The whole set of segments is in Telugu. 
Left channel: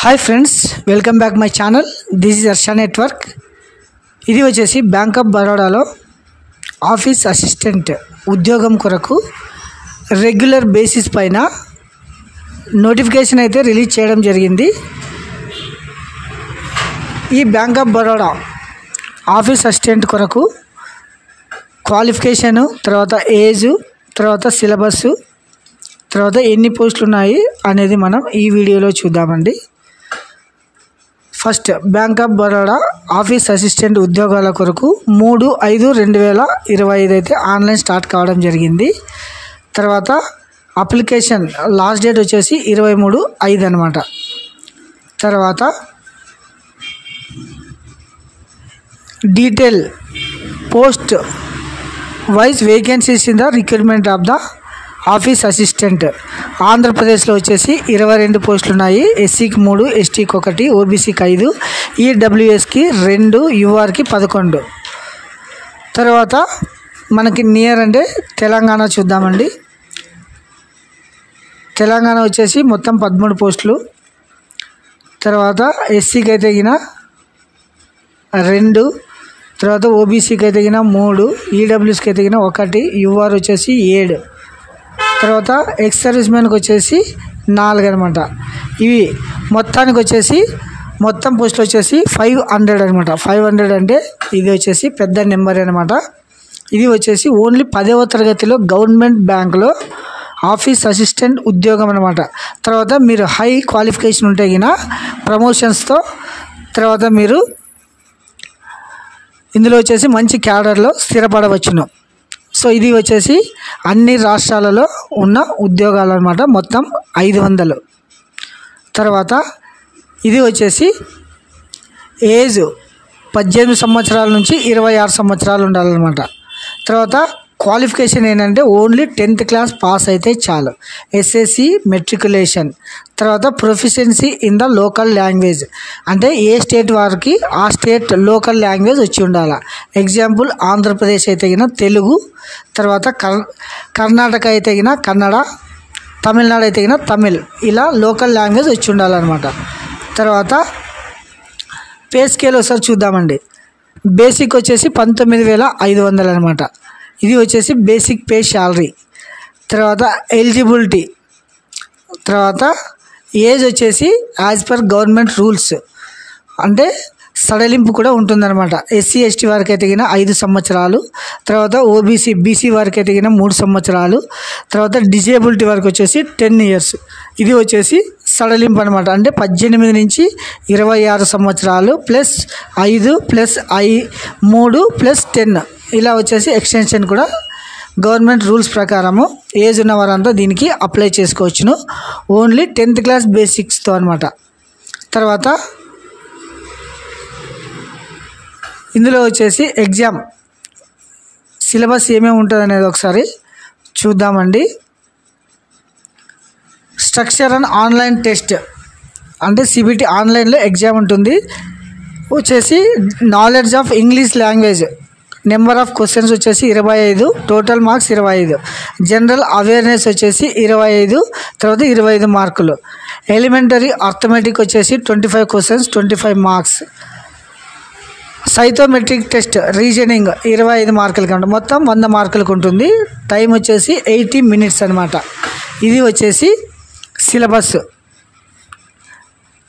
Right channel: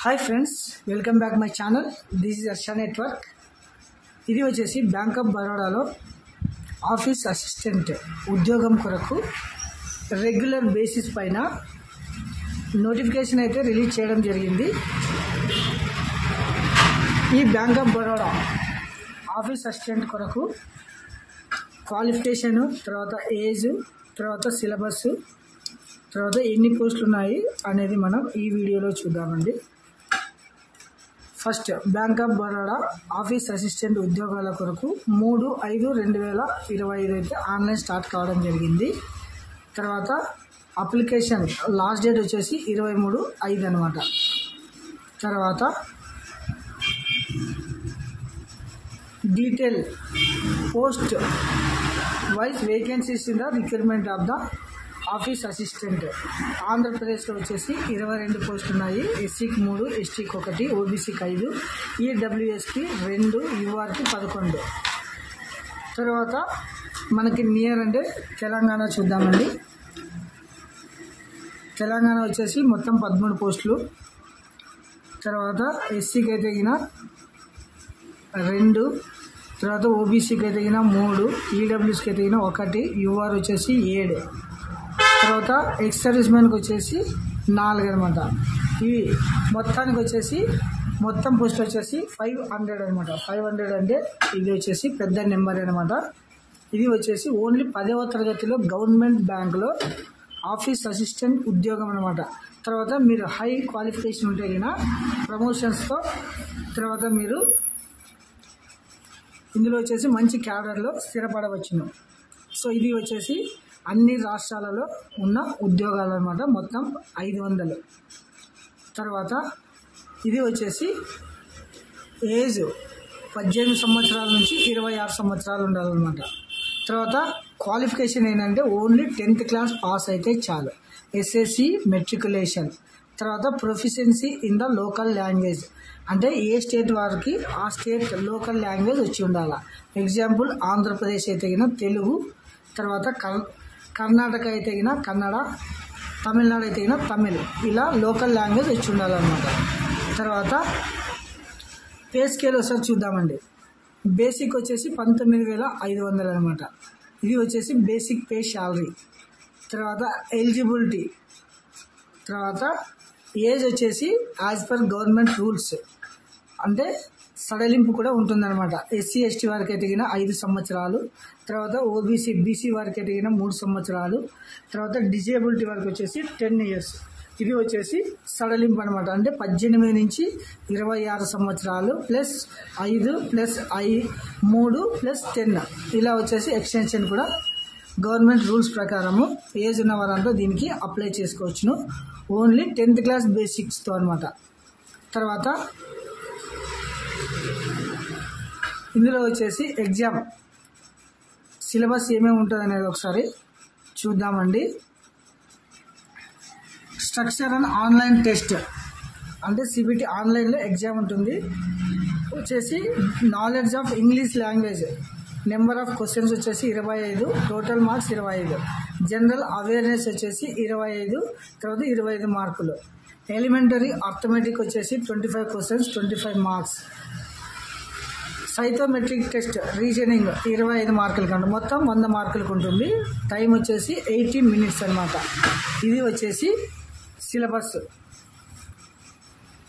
Hi friends, welcome back my channel. This is Harsha network. ఇది వచ్చేసి బ్యాంక్ ఆఫ్ బరోడాలో ఆఫీస్ అసిస్టెంట్ ఉద్యోగం కొరకు రెగ్యులర్ బేసిస్ పైన నోటిఫికేషన్ అయితే రిలీజ్ చేయడం జరిగింది. ఈ bank of Baroda office assistant కొరకు క్వాలిఫికేషను, తర్వాత ఏజు, తర్వాత సిలబస్సు, తర్వాత ఎన్ని పోస్టులు ఉన్నాయి అనేది మనం ఈ వీడియోలో చూద్దామండి. First bank of Baroda office assistant ఉద్యోగాల కొరకు 3/5/2025 అయితే ఆన్లైన్ స్టార్ట్ కావడం జరిగింది. తర్వాత అప్లికేషన్ లాస్ట్ డేట్ వచ్చేసి 23/5 అనమాట. తర్వాత detail post wise vacancies in the recruitment of the office assistant. ఆంధ్రప్రదేశ్లో వచ్చేసి 22 పోస్టులు ఉన్నాయి. ఎస్సీకి 3, ఎస్టీకి 1, ఓబీసీకి 5, ఈడబ్ల్యూఎస్కి 2, యూఆర్కి 11. తర్వాత మనకి నియర్ అంటే తెలంగాణ చూద్దామండి. తెలంగాణ వచ్చేసి మొత్తం 13 పోస్టులు. తర్వాత ఎస్సీకి అయితే 2, తర్వాత ఓబీసీకి అయితే 3, ఈడబ్ల్యూఎస్కి అయితే 1, యూఆర్ వచ్చేసి 7. తర్వాత ఎక్స్ సర్వీస్ మ్యాన్కి వచ్చేసి 4 అనమాట. ఇవి మొత్తానికి వచ్చేసి మొత్తం పోస్టులు వచ్చేసి 500 అనమాట. 500 అంటే ఇది వచ్చేసి పెద్ద నెంబర్ అనమాట. ఇది వచ్చేసి ఓన్లీ 10వ తరగతిలో గవర్నమెంట్ బ్యాంకులో ఆఫీస్ అసిస్టెంట్ ఉద్యోగం అనమాట. తర్వాత మీరు హై క్వాలిఫికేషన్ ఉంటే ప్రమోషన్స్తో తర్వాత మీరు ఇందులో వచ్చేసి మంచి క్యాడర్లో స్థిరపడవచ్చును. సో ఇది వచ్చేసి అన్ని రాష్ట్రాలలో ఉన్న ఉద్యోగాలు అనమాట. మొత్తం 500. తర్వాత ఇది వచ్చేసి ఏజ్ 18 సంవత్సరాల నుంచి 26 సంవత్సరాలు ఉండాలన్నమాట. తర్వాత క్వాలిఫికేషన్ ఏంటంటే ఓన్లీ 10th క్లాస్ పాస్ అయితే చాలు. SSC matriculation. తర్వాత proficiency in the local language, అంటే ఏ స్టేట్ వారికి ఆ స్టేట్ లోకల్ లాంగ్వేజ్ వచ్చి ఉండాలి. ఎగ్జాంపుల్ ఆంధ్రప్రదేశ్ అయితే తెలుగు, తర్వాత కర్ణాటక అయితే కన్నడ, తమిళనాడు అయితే తమిళ్, ఇలా లోకల్ లాంగ్వేజ్ వచ్చి ఉండాలన్నమాట. తర్వాత పే స్కేల్ ఒకసారి చూద్దామండి. బేసిక్ వచ్చేసి 19,500 అనమాట. ఇది వచ్చేసి బేసిక్ పే శాలరీ. తర్వాత ఎలిజిబిలిటీ, తర్వాత ఏజ్ వచ్చేసి యాజ్ పర్ గవర్నమెంట్ రూల్స్, అంటే సడలింపు కూడా ఉంటుందన్నమాట. ఎస్సీ ఎస్టీ వారికి అయితే 5 సంవత్సరాలు, తర్వాత ఓబీసీ బీసీ వారికి అయితే 3 సంవత్సరాలు, తర్వాత డిజేబిలిటీ వారికి వచ్చేసి 10 years. ఇది వచ్చేసి సడలింపు అనమాట. అంటే 18 నుంచి 26 సంవత్సరాలు ప్లస్ 5 ప్లస్ 3 ప్లస్ 10, ఇలా వచ్చేసి ఎక్స్టెన్షన్ కూడా గవర్నమెంట్ రూల్స్ ప్రకారము ఏజ్ ఉన్న వారంతా దీనికి అప్లై చేసుకోవచ్చును. ఓన్లీ 10th క్లాస్ బేసిక్స్తో అనమాట. తర్వాత ఇందులో వచ్చేసి ఎగ్జామ్ సిలబస్ ఏమేమి ఉంటుంది అనేది ఒకసారి చూద్దామండి. స్ట్రక్చర్ అండ్ ఆన్లైన్ టెస్ట్, అంటే సిబిటి ఆన్లైన్లో ఎగ్జామ్ ఉంటుంది. వచ్చేసి knowledge of English language, number of questions వచ్చేసి 25, టోటల్ మార్క్స్ 25. జనరల్ అవేర్నెస్ వచ్చేసి 25, తర్వాత 25 మార్కులు. ఎలిమెంటరీ అర్థమెటిక్ వచ్చేసి 25 questions, 25 marks. Psychometric test reasoning 25 మార్కులకి ఉంటుంది. మొత్తం 100 మార్కులకు ఉంటుంది. టైం వచ్చేసి 80 minutes అనమాట. ఇది వచ్చేసి సిలబస్.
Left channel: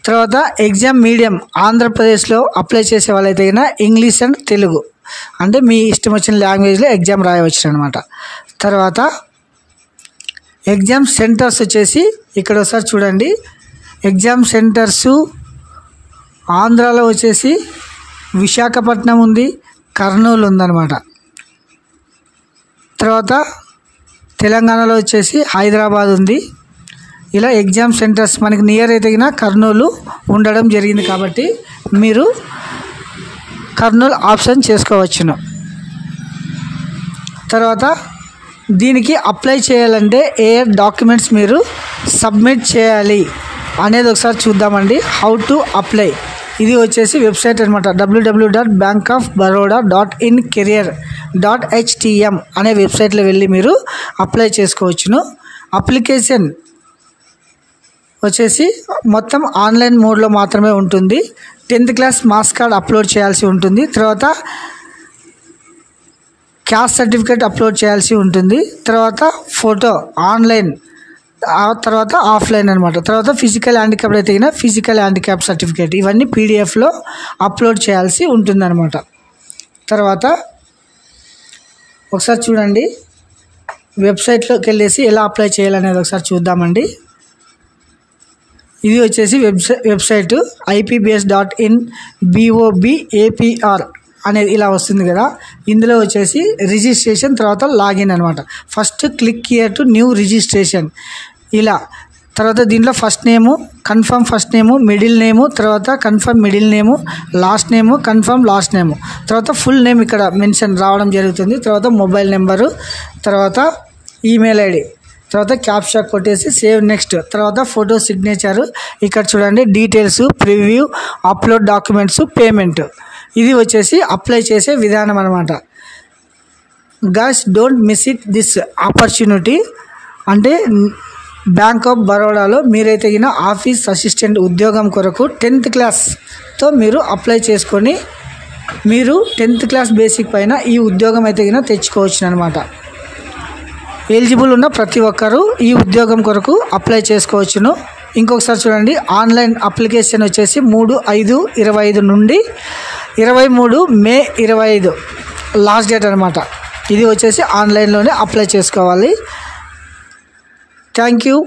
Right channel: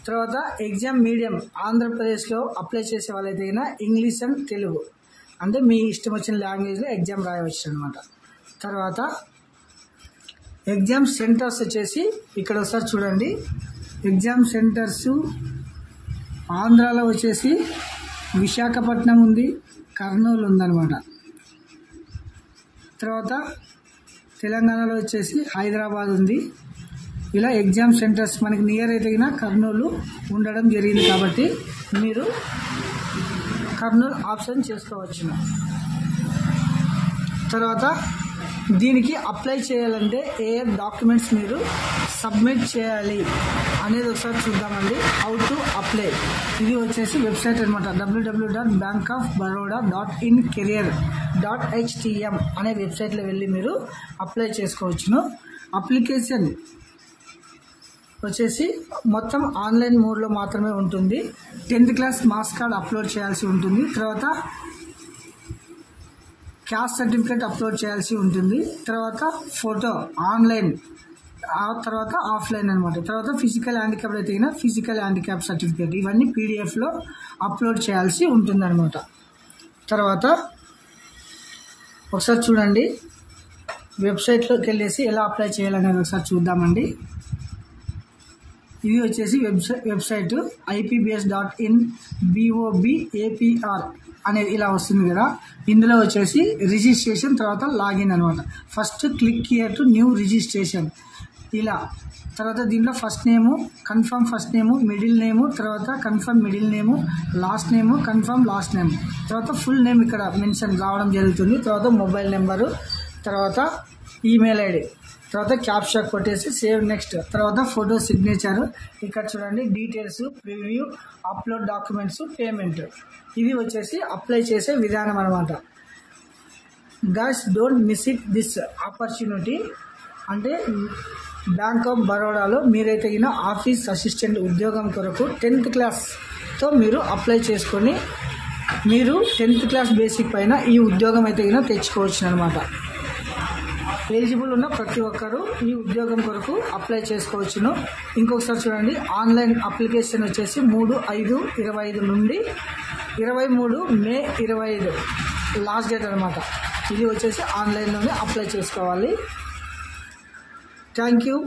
తర్వాత ఎగ్జామ్ మీడియం ఆంధ్రప్రదేశ్లో అప్లై చేసే వాళ్ళైతే ఇంగ్లీష్ అండ్ తెలుగు, అంటే మీ ఇష్టం వచ్చిన లాంగ్వేజ్లో ఎగ్జామ్ రాయవచ్చు అనమాట. తర్వాత ఎగ్జామ్ సెంటర్స్ వచ్చేసి ఇక్కడ ఒకసారి చూడండి. ఎగ్జామ్ సెంటర్సు ఆంధ్రాలో వచ్చేసి విశాఖపట్నం ఉంది, కర్నూలు ఉందన్నమాట. తర్వాత తెలంగాణలో వచ్చేసి హైదరాబాద్ ఉంది. ఇలా ఎగ్జామ్ సెంటర్స్ మనకి నియర్ అయితే కర్నూలు ఉండడం జరిగింది కాబట్టి మీరు కర్నూలు ఆప్షన్ చేసుకోవచ్చును. తర్వాత దీనికి అప్లై చేయాలంటే ఏ డాక్యుమెంట్స్ మీరు సబ్మిట్ చేయాలి అనేది ఒకసారి చూద్దామండి. హౌ టు అప్లై, ఇది వచ్చేసి వెబ్సైట్ అనమాట. www.bankofbaroda.incareer.htm అనే వెబ్సైట్లో వెళ్ళి మీరు అప్లై చేసుకోవచ్చును. అప్లికేషన్ వచ్చేసి మొత్తం ఆన్లైన్ మోడ్లో మాత్రమే ఉంటుంది. 10th class marks card upload చేయాల్సి ఉంటుంది. తర్వాత క్యాస్ట్ సర్టిఫికేట్ అప్లోడ్ చేయాల్సి ఉంటుంది. తర్వాత ఫోటో ఆన్లైన్, ఆ తర్వాత ఆఫ్లైన్ అనమాట. తర్వాత ఫిజికల్ హ్యాండిక్యాప్ అయితే ఫిజికల్ హ్యాండిక్యాప్ సర్టిఫికేట్ ఇవన్నీ పీడిఎఫ్లో అప్లోడ్ చేయాల్సి ఉంటుందన్నమాట. తర్వాత ఒకసారి చూడండి, వెబ్సైట్లోకి వెళ్ళేసి ఎలా అప్లై చేయాలనేది ఒకసారి చూద్దామండి. ఇది వచ్చేసి వెబ్సైట్ IPBS.in BOBAPR అనేది ఇలా వస్తుంది కదా. ఇందులో వచ్చేసి రిజిస్ట్రేషన్, తర్వాత లాగిన్ అనమాట. First click here to new registration ఇలా. తర్వాత దీంట్లో first name confirm first name, middle name, తర్వాత confirm middle name, last name confirm last name, తర్వాత ఫుల్ నేమ్ ఇక్కడ మెన్షన్ రావడం జరుగుతుంది. తర్వాత మొబైల్ నెంబరు, తర్వాత ఈమెయిల్ ఐడి, తర్వాత క్యాప్చా కొట్టేసి సేవ్ నెక్స్ట్. తర్వాత ఫోటో సిగ్నేచరు, ఇక్కడ చూడండి details, preview, upload documents, payment. ఇది వచ్చేసి అప్లై చేసే విధానం అనమాట. Guys don't miss it this opportunity. అంటే బ్యాంక్ ఆఫ్ బరోడాలో మీరైతే ఆఫీస్ అసిస్టెంట్ ఉద్యోగం కొరకు 10th క్లాస్తో మీరు అప్లై చేసుకొని మీరు 10th క్లాస్ బేసిక్ పైన ఈ ఉద్యోగం అయితే తెచ్చుకోవచ్చు అనమాట. ఎలిజిబుల్ ఉన్న ప్రతి ఒక్కరూ ఈ ఉద్యోగం కొరకు అప్లై చేసుకోవచ్చును. ఇంకొకసారి చూడండి, ఆన్లైన్ అప్లికేషన్ వచ్చేసి 3/5/25 నుండి 23 మే 25 లాస్ట్ డేట్ అనమాట. ఇది వచ్చేసి ఆన్లైన్లోనే అప్లై చేసుకోవాలి. Thank you.